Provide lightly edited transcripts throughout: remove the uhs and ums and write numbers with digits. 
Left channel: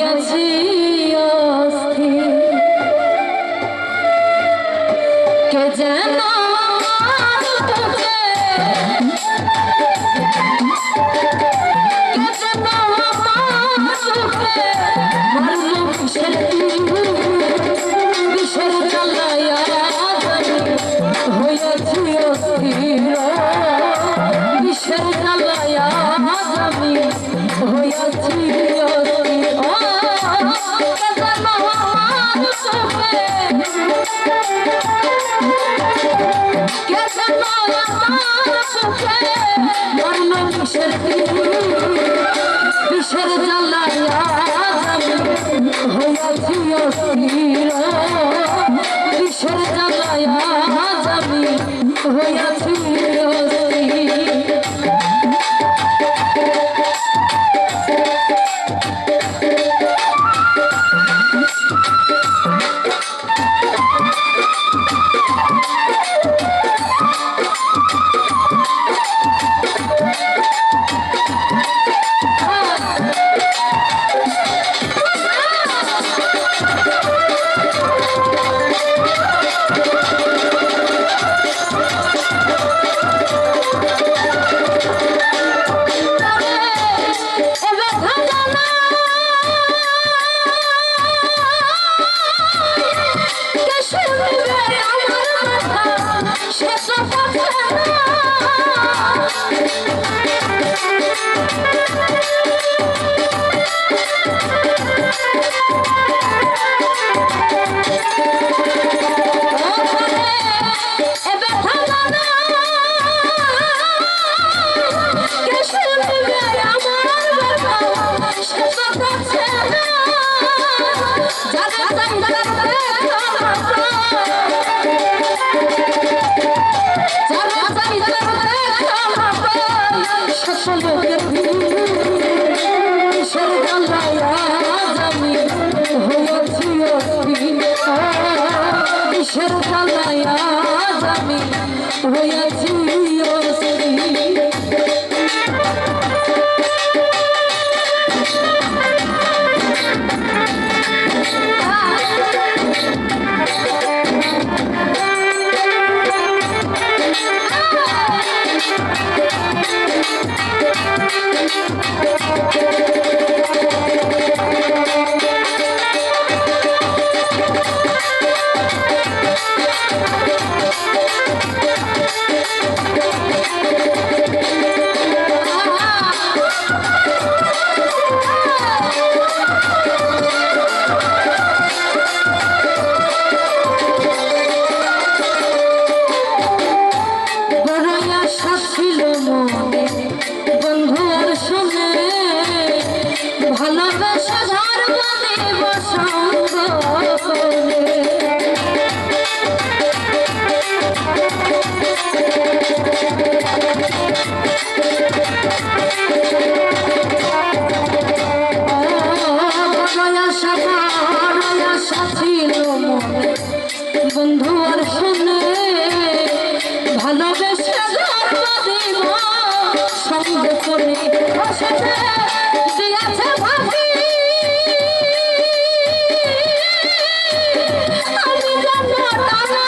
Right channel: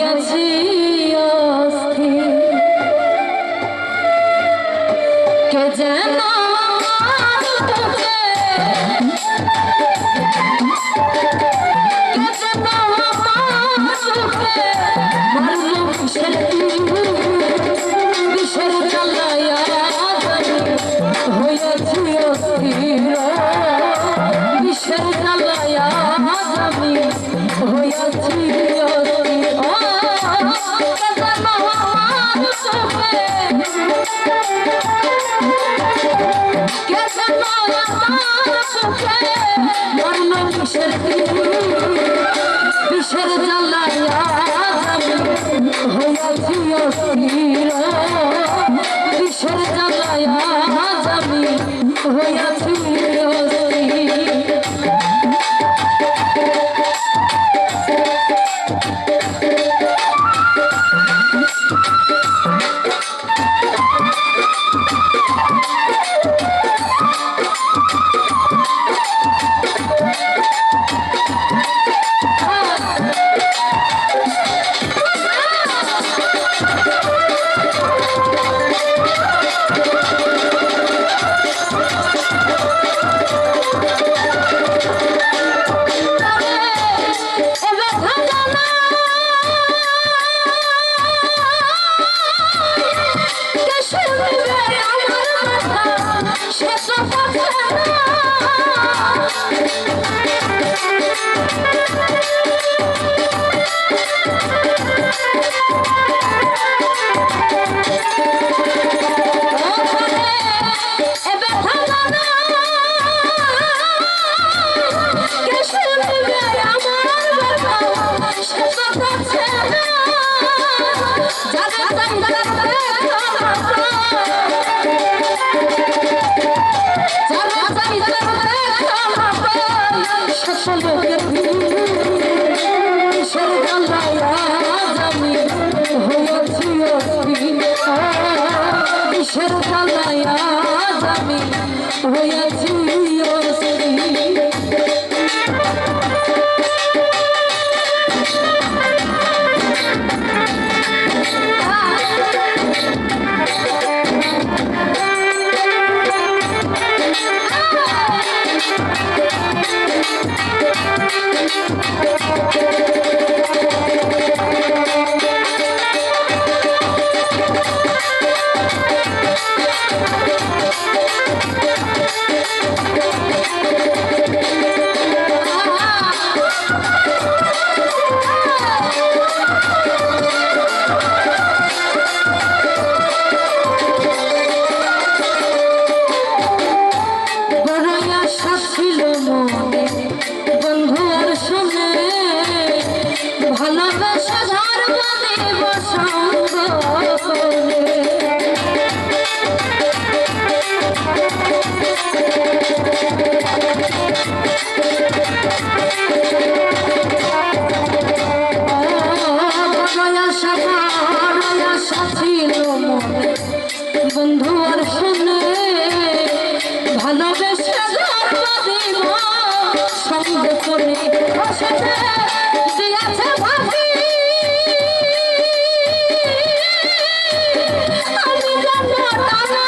হইয়াছি অস্থির কে যেন বিষের জ্বালায়া হইয়াছি অস্থির বিষের জ্বালায়া আমি হইয়াছি বিষের জ্বালায়া হইয়াছি অস্থির বিষের জ্বালায়া আমি হইয়াছি বিষের জ্বালায়া আমি হইয়াছি ভালোবাসা ধর্ম দেব সঙ্গ আশা ছিল বন্ধু আর শুনে ভালোবাসা ধর্ম দেব সঙ্গ করে দিয়াছে ভাবি আমি জানো তারা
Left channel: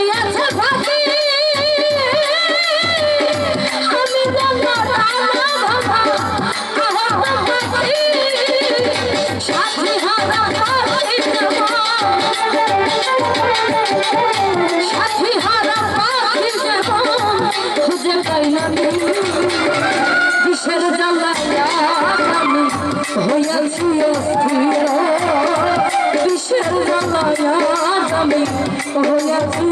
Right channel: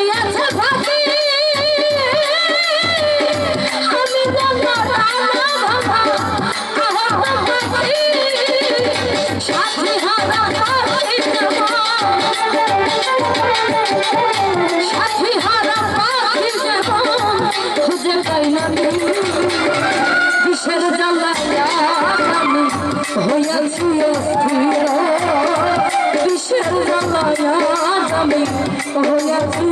দিয়াছে ভাবি আমি জানো বিষের জ্বালায়া আমি হইয়াছি অস্থির বিষের জ্বালায়া আমি হইয়াছি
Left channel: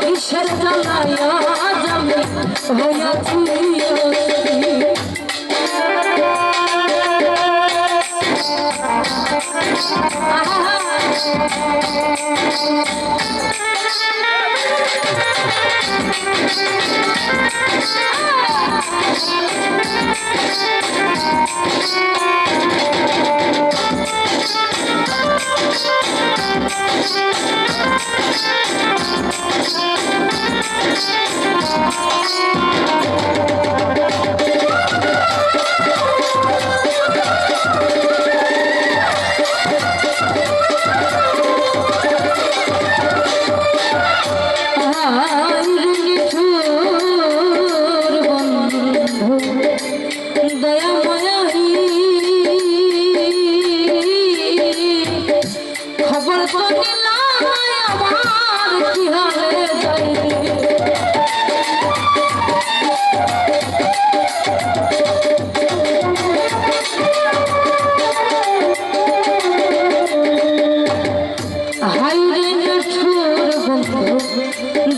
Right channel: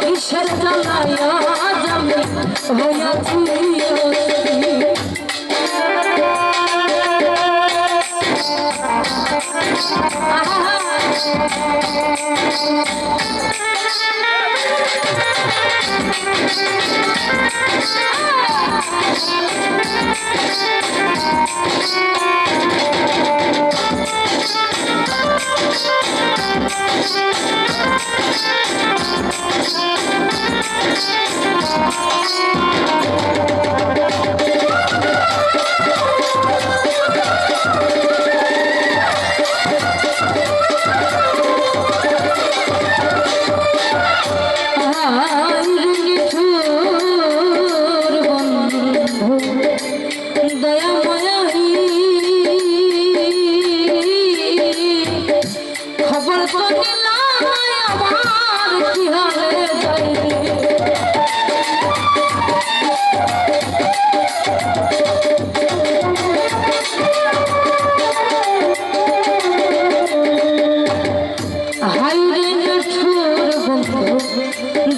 কিসের জ্বালায় আজ আমি হইয়াছি অস্থির।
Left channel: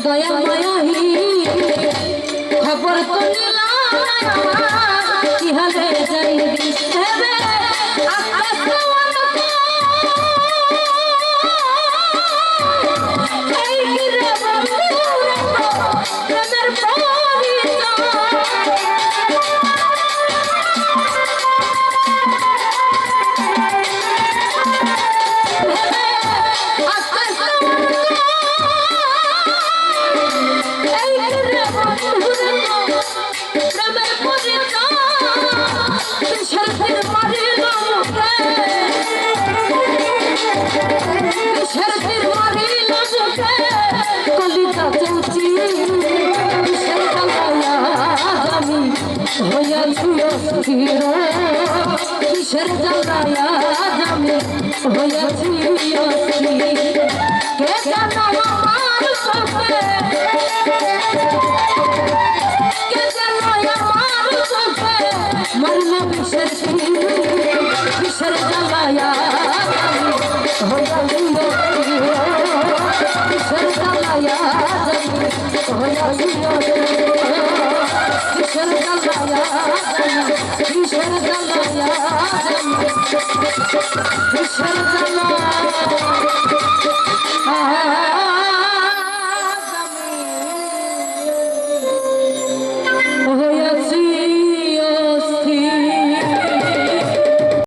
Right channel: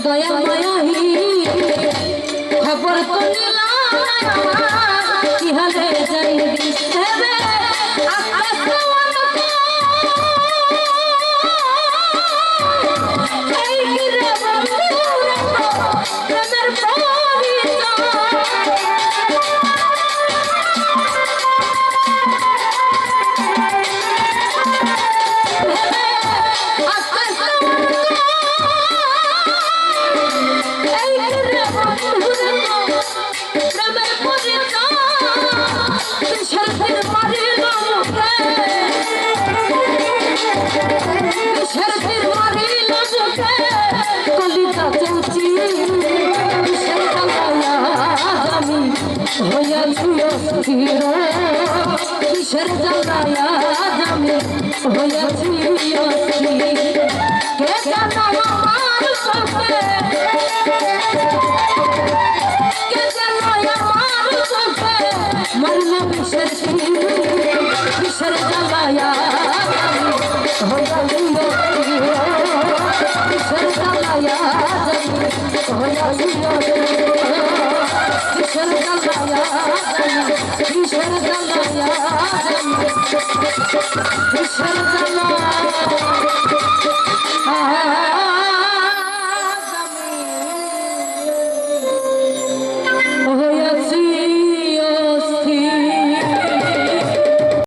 দয়া মায়াহি খবর তো নিলাম কি হালে যাইবি হেবে আকাশে এই গিরে বন্ধুরে তো প্রেমের কলিতা চৌচি আমি হইয়াছি অস্থির কিসের জ্বালায় আমি হইয়াছি অস্থির। কে জানো আমার চোখে কে জানো আমার চোখে মরল কিসের কিসের জ্বালায় আমি হইয়াছি অস্থির কিসের জ্বালায় আমি হইয়াছি অস্থির কিসের জ্বালায় আমি কিসের জ্বালায় আমি কিসের জ্বালায়